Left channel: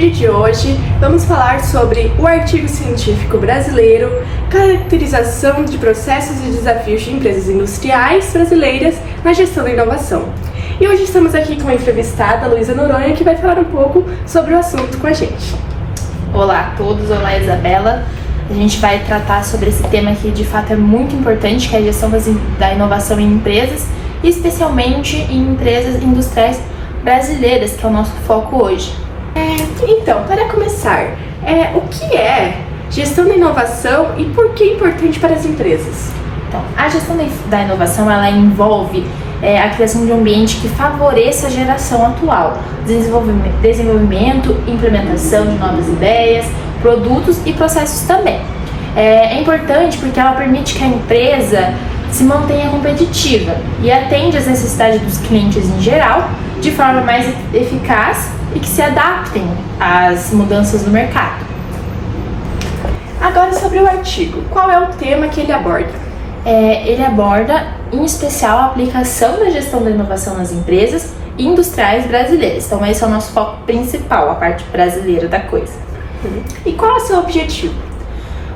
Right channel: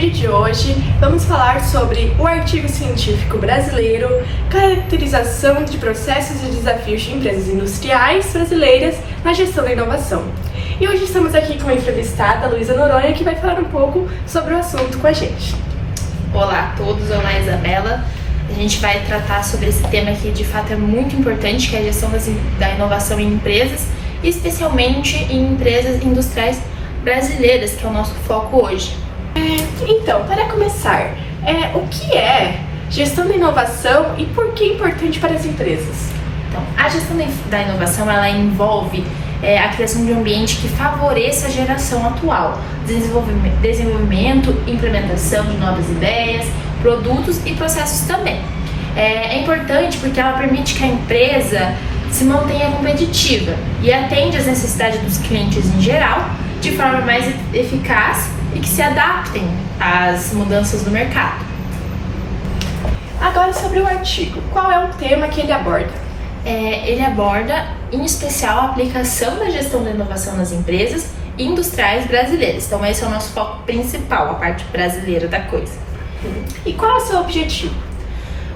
vídeo de hoje vamos falar sobre o artigo científico brasileiro, caracterização de processos e desafios de empresas industriais brasileiras na gestão da inovação. E hoje estamos aqui com a entrevistada Luísa Noronha, que vai falar um pouco sobre o assunto com a gente. Olá a todos, olá Isabela. A gente vai tratar sobre esse tema que de fato é muito importante, que é a gestão da inovação em empresas, especialmente em empresas industriais brasileiras, que é o nosso foco hoje. Então, para começar, o que é gestão da inovação e por que é importante para as empresas? Então, a gestão da inovação ela envolve a criação de um ambiente que favoreça a geração atual, desenvolvimento, implementação de novas ideias, produtos e processos também. É importante porque ela permite que a empresa se mantenha competitiva e atende às necessidades dos clientes em geral de forma mais eficaz e que se adaptem às mudanças do mercado. Agora sobre o artigo, qual é o tema que ele aborda? Ele aborda, em especial, a aplicação da gestão da inovação nas empresas industriais brasileiras. Então esse é o nosso foco principal, a parte brasileira da coisa. E qual é o seu objetivo?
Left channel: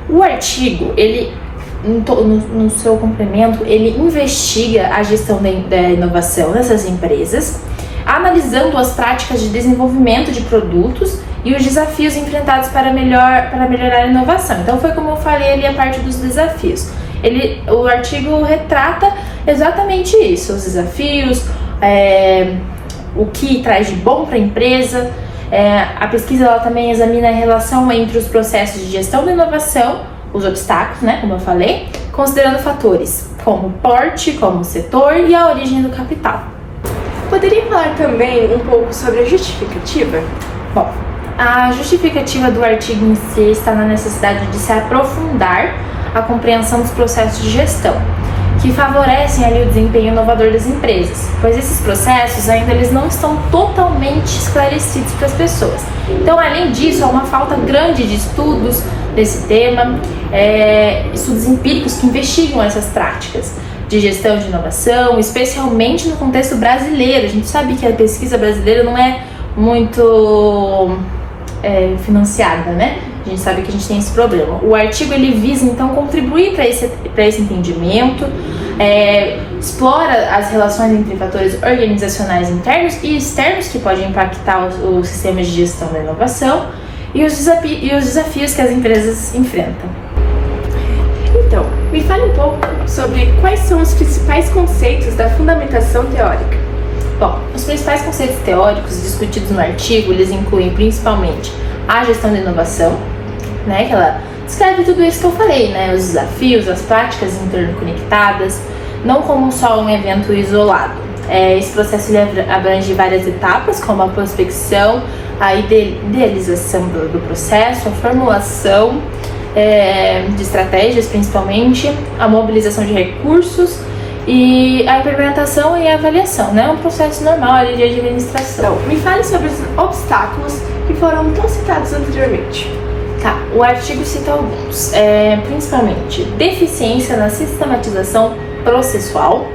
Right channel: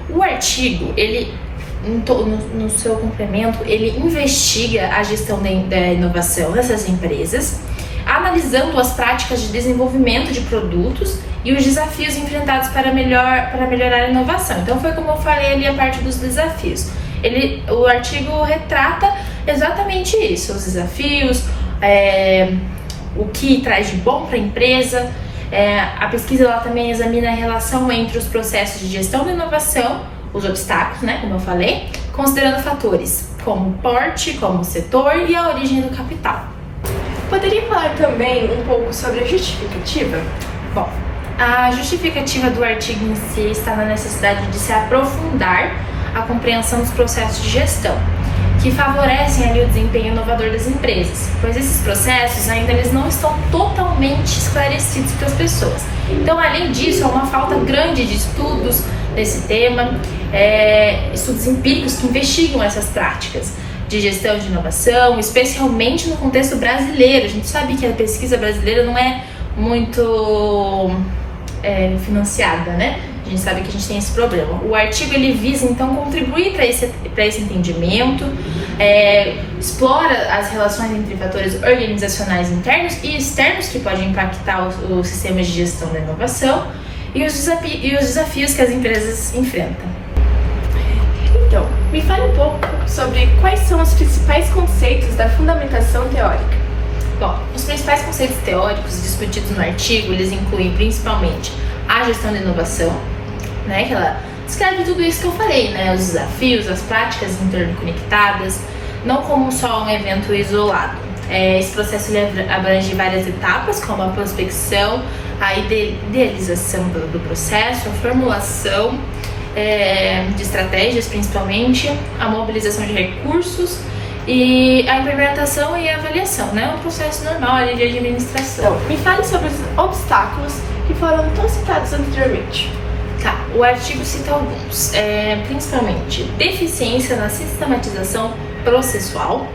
O artigo, ele, no seu complemento, ele investiga a gestão da inovação nessas empresas, analisando as práticas de desenvolvimento de produtos e os desafios enfrentados para melhorar a inovação. Então foi como eu falei ali a parte dos desafios. O artigo retrata exatamente isso, os desafios, o que traz de bom para a empresa. A pesquisa ela também examina a relação entre os processos de gestão da inovação, os obstáculos, né, como eu falei, considerando fatores como porte, como setor e a origem do capital. Poderia falar também um pouco sobre a justificativa? Bom, a justificativa do artigo em si está na necessidade de se aprofundar a compreensão dos processos de gestão, que favorecem ali o desempenho inovador das empresas, pois esses processos ainda eles não estão totalmente esclarecidos para as pessoas. Então, além disso, há uma falta grande de estudos desse tema, estudos empíricos que investigam essas práticas de gestão de inovação, especialmente no contexto brasileiro. A gente sabe que a pesquisa brasileira não é muito financiada, né? A gente sabe que a gente tem esse problema. O artigo ele visa então contribuir para esse entendimento, explora as relações entre fatores organizacionais internos e externos que podem impactar os sistemas de gestão da inovação e os desafios que as empresas enfrentam. Então, me fale um pouco sobre quais são os principais conceitos da fundamentação teórica. Bom, os principais conceitos teóricos discutidos no artigo, eles incluem principalmente a gestão da inovação, né, que ela descreve tudo isso que eu falei, né, os desafios, as práticas interconectadas, não como só um evento isolado. Esse processo ele abrange várias etapas, como a prospecção, a idealização do processo, a formulação de estratégias, principalmente, a mobilização de recursos e a implementação e a avaliação, né? Um processo normal de administração. Bom, me fale sobre os obstáculos que foram tão citados anteriormente. Tá, o artigo cita alguns, principalmente deficiência na sistematização processual.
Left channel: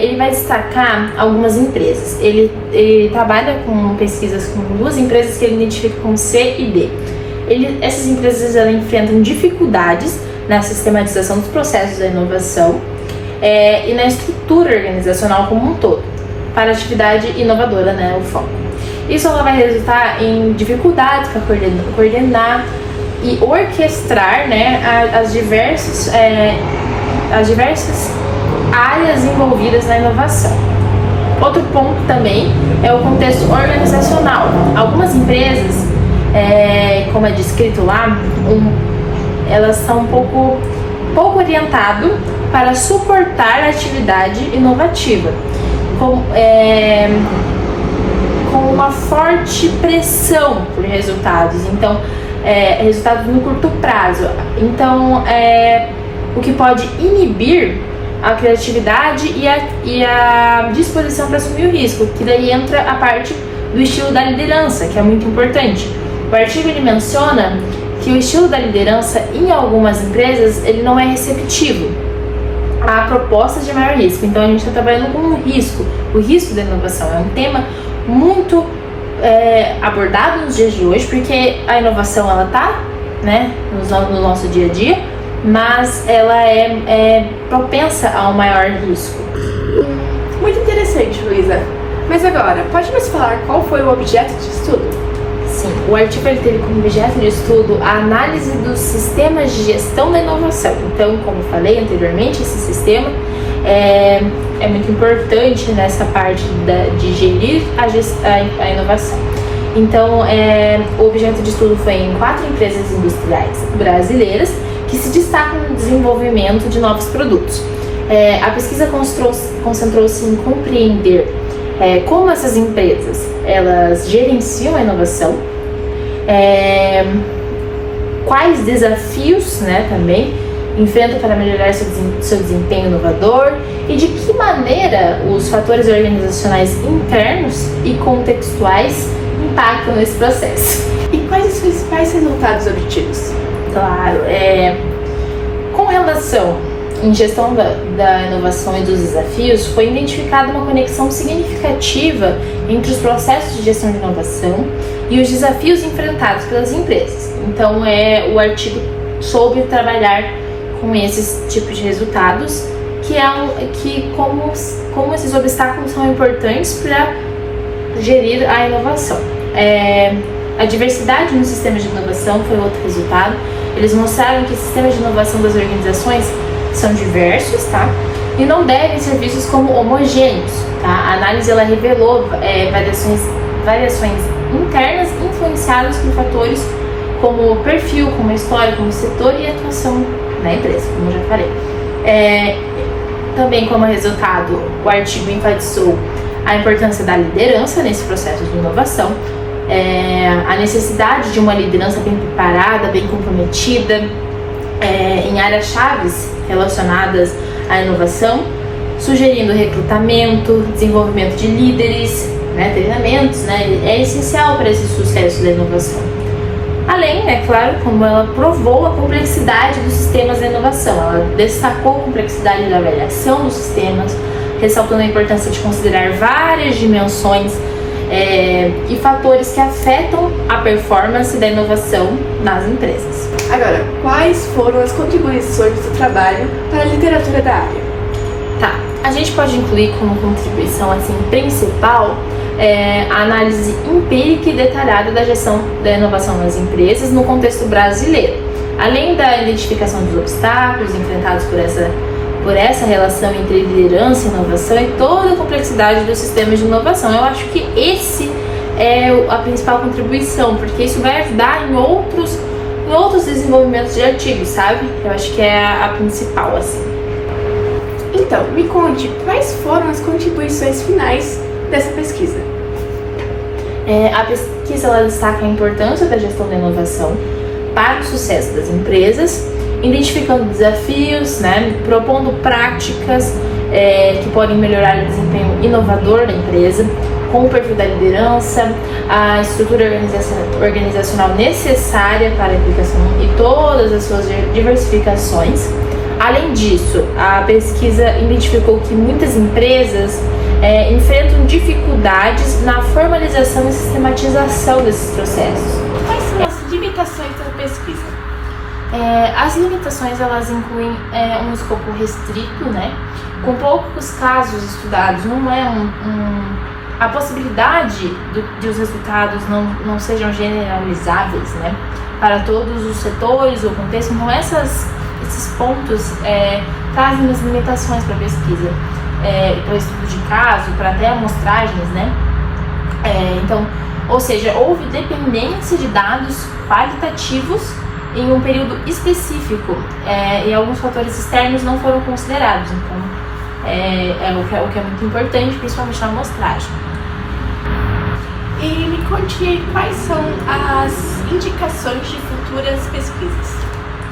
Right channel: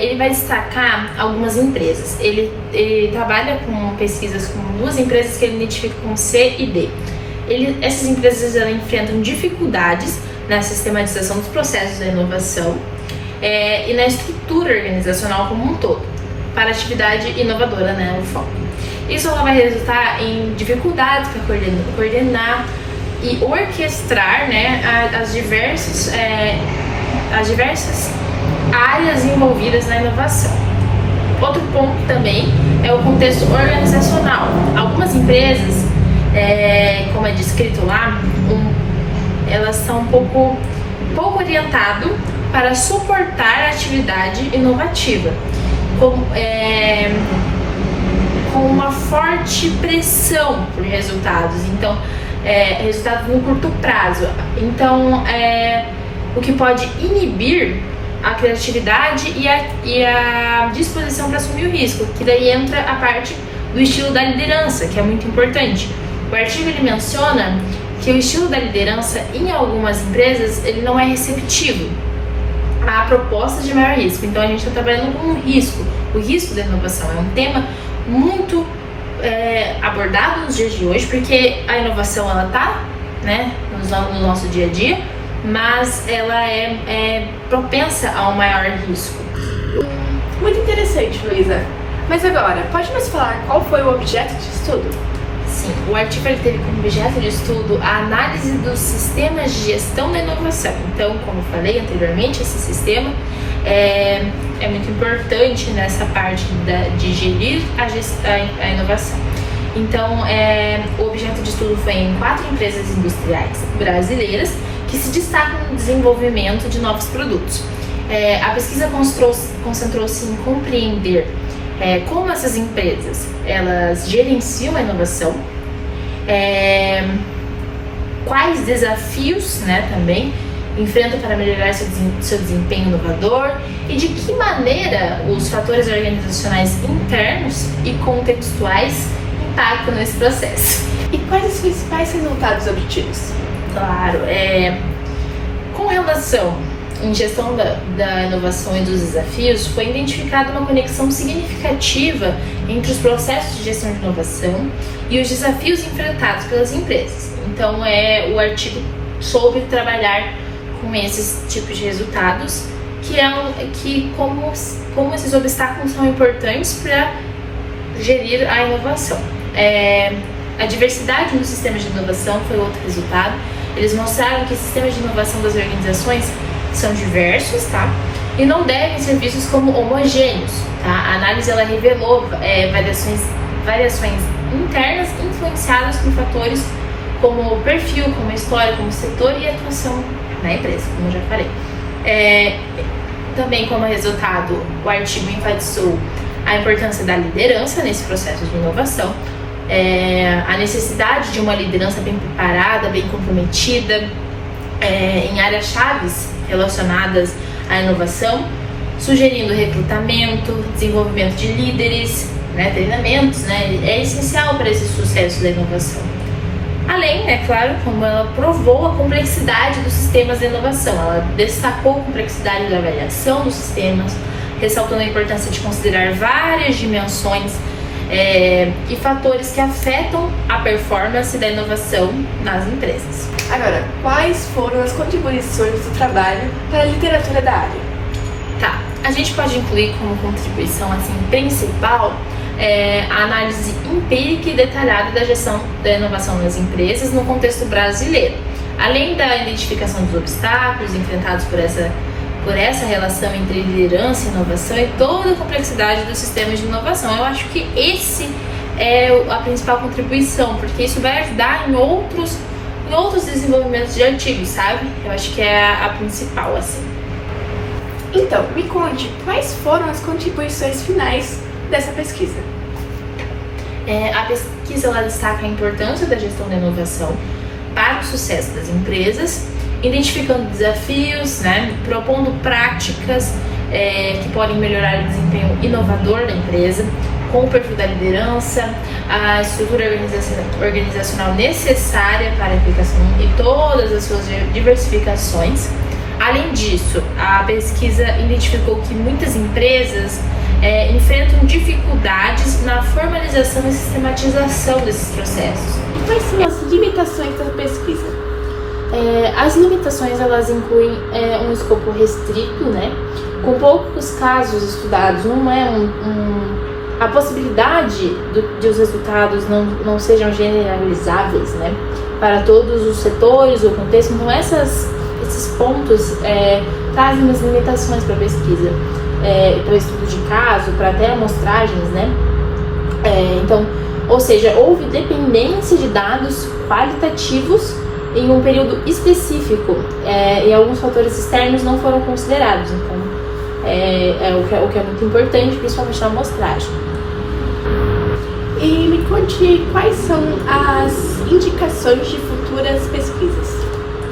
Ele vai destacar algumas empresas. Ele trabalha com pesquisas com duas empresas que ele identifica como C e D. Essas empresas elas enfrentam dificuldades na sistematização dos processos da inovação e na estrutura organizacional como um todo, para a atividade inovadora, né, o foco. Isso ela vai resultar em dificuldades para coordenar e orquestrar, né, as diversas áreas envolvidas na inovação. Outro ponto também é o contexto organizacional. Algumas empresas, como é descrito lá, elas são um pouco orientadas para suportar a atividade inovativa, com uma forte pressão por resultados, então resultados no curto prazo. Então, o que pode inibir a criatividade e a disposição para assumir o risco, que daí entra a parte do estilo da liderança, que é muito importante. O artigo ele menciona que o estilo da liderança em algumas empresas ele não é receptivo a propostas de maior risco. Então a gente está trabalhando com o risco da inovação. É um tema muito abordado nos dias de hoje, porque a inovação ela tá, né, no nosso dia a dia, mas ela é propensa a um maior risco. Muito interessante, Luísa. Mas agora, pode nos falar qual foi o objeto de estudo? Sim, o artigo ele teve como objeto de estudo a análise dos sistemas de gestão da inovação. Então, como eu falei anteriormente, esse sistema é muito importante nessa parte de gerir a inovação. Então, o objeto de estudo foi em 4 empresas industriais brasileiras que se destacam no desenvolvimento de novos produtos. A pesquisa concentrou-se em compreender como essas empresas elas gerenciam a inovação, quais desafios, né, também enfrentam para melhorar seu desempenho inovador e de que maneira os fatores organizacionais internos e contextuais impactam nesse processo. E quais os principais resultados obtidos? Claro, com relação em gestão da inovação e dos desafios, foi identificada uma conexão significativa entre os processos de gestão de inovação e os desafios enfrentados pelas empresas. Então, o artigo soube trabalhar com esses tipos de resultados, como esses obstáculos são importantes para gerir a inovação. A diversidade nos sistemas de inovação foi outro resultado. Eles mostraram que os sistemas de inovação das organizações são diversos, tá? E não devem ser vistos como homogêneos, tá? A análise ela revelou variações internas influenciadas por fatores como o perfil, como a história, como o setor e a atuação na empresa, como eu já falei. Também como resultado, o artigo enfatizou a importância da liderança nesse processo de inovação, a necessidade de uma liderança bem preparada, bem comprometida, em áreas chaves relacionadas à inovação, sugerindo recrutamento, desenvolvimento de líderes, né, treinamentos, né, é essencial para esse sucesso da inovação. Além, é claro, como ela provou a complexidade dos sistemas da inovação, ela destacou a complexidade da avaliação dos sistemas, ressaltando a importância de considerar várias dimensões e fatores que afetam a performance da inovação nas empresas. Agora, quais foram as contribuições do trabalho para a literatura da área? Tá, a gente pode incluir como contribuição assim, principal a análise empírica e detalhada da gestão da inovação nas empresas no contexto brasileiro, além da identificação dos obstáculos enfrentados por essa relação entre liderança e inovação e toda a complexidade dos sistemas de inovação. Eu acho que esse é a principal contribuição, porque isso vai ajudar em outros desenvolvimentos de artigos, sabe? Eu acho que é a principal, assim. Então, me conte quais foram as contribuições finais dessa pesquisa. A pesquisa ela destaca a importância da gestão da inovação para o sucesso das empresas, identificando desafios, né, propondo práticas que podem melhorar o desempenho inovador da empresa, com o perfil da liderança, a estrutura organizacional necessária para a aplicação e todas as suas diversificações. Além disso, a pesquisa identificou que muitas empresas enfrentam dificuldades na formalização e sistematização desses processos. Quais são as limitações da pesquisa? As limitações elas incluem um escopo restrito, né? Com poucos casos estudados, não é a possibilidade de os resultados não sejam generalizáveis, né? Para todos os setores ou contextos, então esses pontos trazem as limitações para a pesquisa, para o estudo de caso, para até amostragens, né? Então, ou seja, houve dependência de dados qualitativos em um período específico e alguns fatores externos não foram considerados. Então, o que é muito importante, principalmente na amostragem. E me conte quais são as indicações de futuras pesquisas.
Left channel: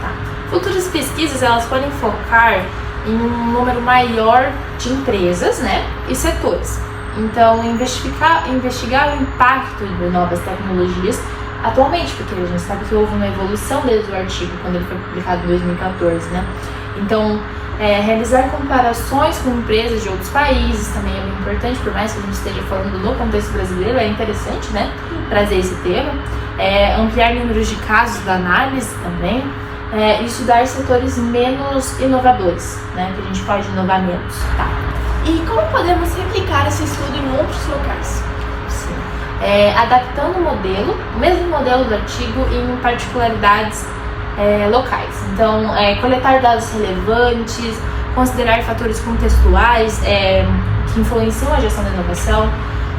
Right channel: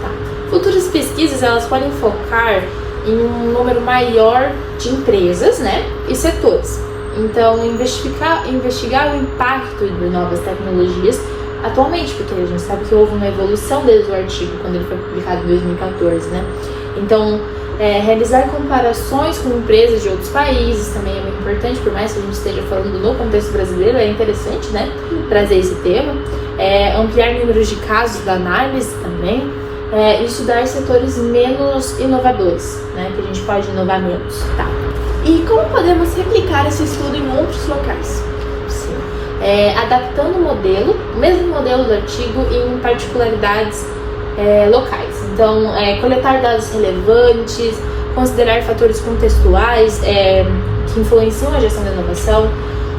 Tá. Futuras pesquisas elas podem focar em um número maior de empresas, né, e setores. Então, investigar o impacto de novas tecnologias atualmente, porque a gente sabe que houve uma evolução desde o artigo, quando ele foi publicado em 2014, né? Então, Realizar comparações com empresas de outros países também é muito importante, por mais que a gente esteja falando no contexto brasileiro, é interessante, né, trazer esse tema. Ampliar números de casos da análise também. Estudar setores menos inovadores, né, que a gente pode inovar menos. Tá. E como podemos replicar esse estudo em outros locais? Adaptando o mesmo modelo do artigo em particularidades locais. Então, coletar dados relevantes, considerar fatores contextuais que influenciam a gestão da inovação.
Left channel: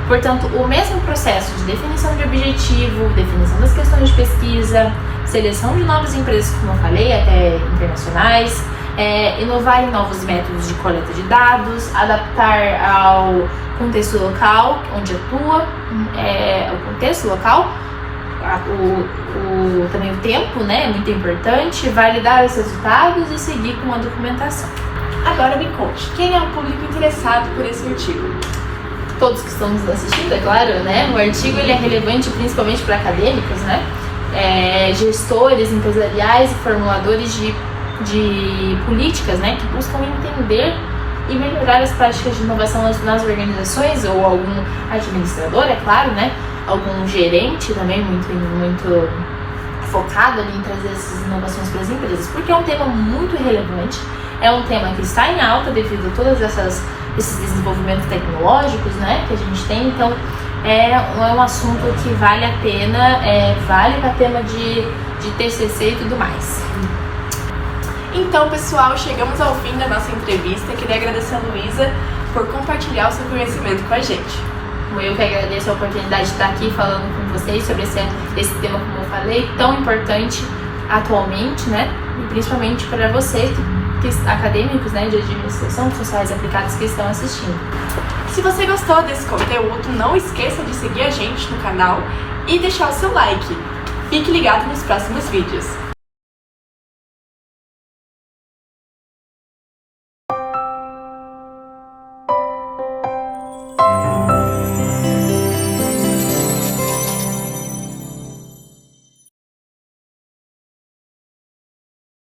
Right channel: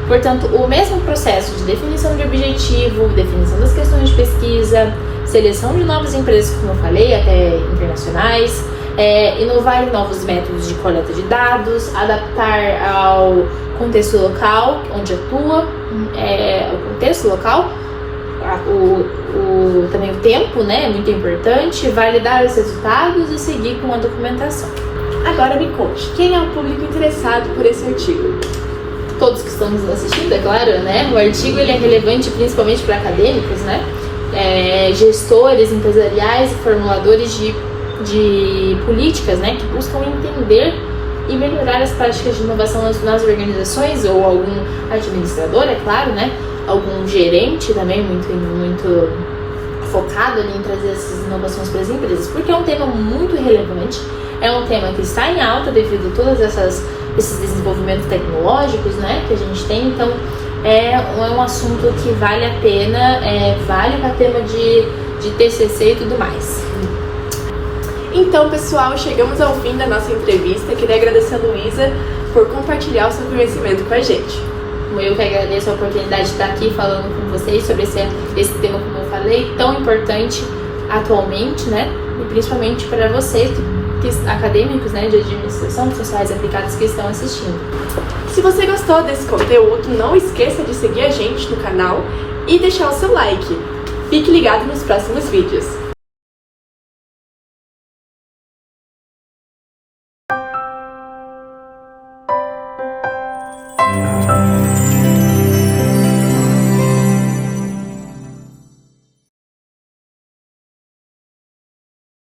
Portanto, o mesmo processo de definição de objetivo, definição das questões de pesquisa, seleção de novas empresas, como eu falei, até internacionais, inovar em novos métodos de coleta de dados, adaptar ao contexto local onde atua, o contexto local, também o tempo, né, é muito importante, validar os resultados e seguir com a documentação. Agora me conte, quem é o público interessado por esse artigo? Todos que estão nos assistindo, é claro, né? O artigo ele é relevante principalmente para acadêmicos, né? Gestores empresariais e formuladores de políticas, né? Que buscam entender e melhorar as práticas de inovação nas organizações, ou algum administrador, é claro, né? Algum gerente também muito focado ali em trazer essas inovações para as empresas, porque é um tema muito relevante, é um tema que está em alta devido a todos esses desenvolvimentos tecnológicos, né, que a gente tem. Então é um assunto que vale a pena, vale para tema de TCC e tudo mais. Então, pessoal, chegamos ao fim da nossa entrevista. Queria agradecer a Luísa por compartilhar o seu conhecimento com a gente. Eu que agradeço a oportunidade de estar aqui falando com vocês sobre esse tema, como eu falei, tão importante atualmente, né? E principalmente para vocês, acadêmicos, né, de administração, profissionais aplicados que estão assistindo. Se você gostou desse conteúdo, não esqueça de seguir a gente no canal e deixar o seu like. Fique ligado nos próximos vídeos.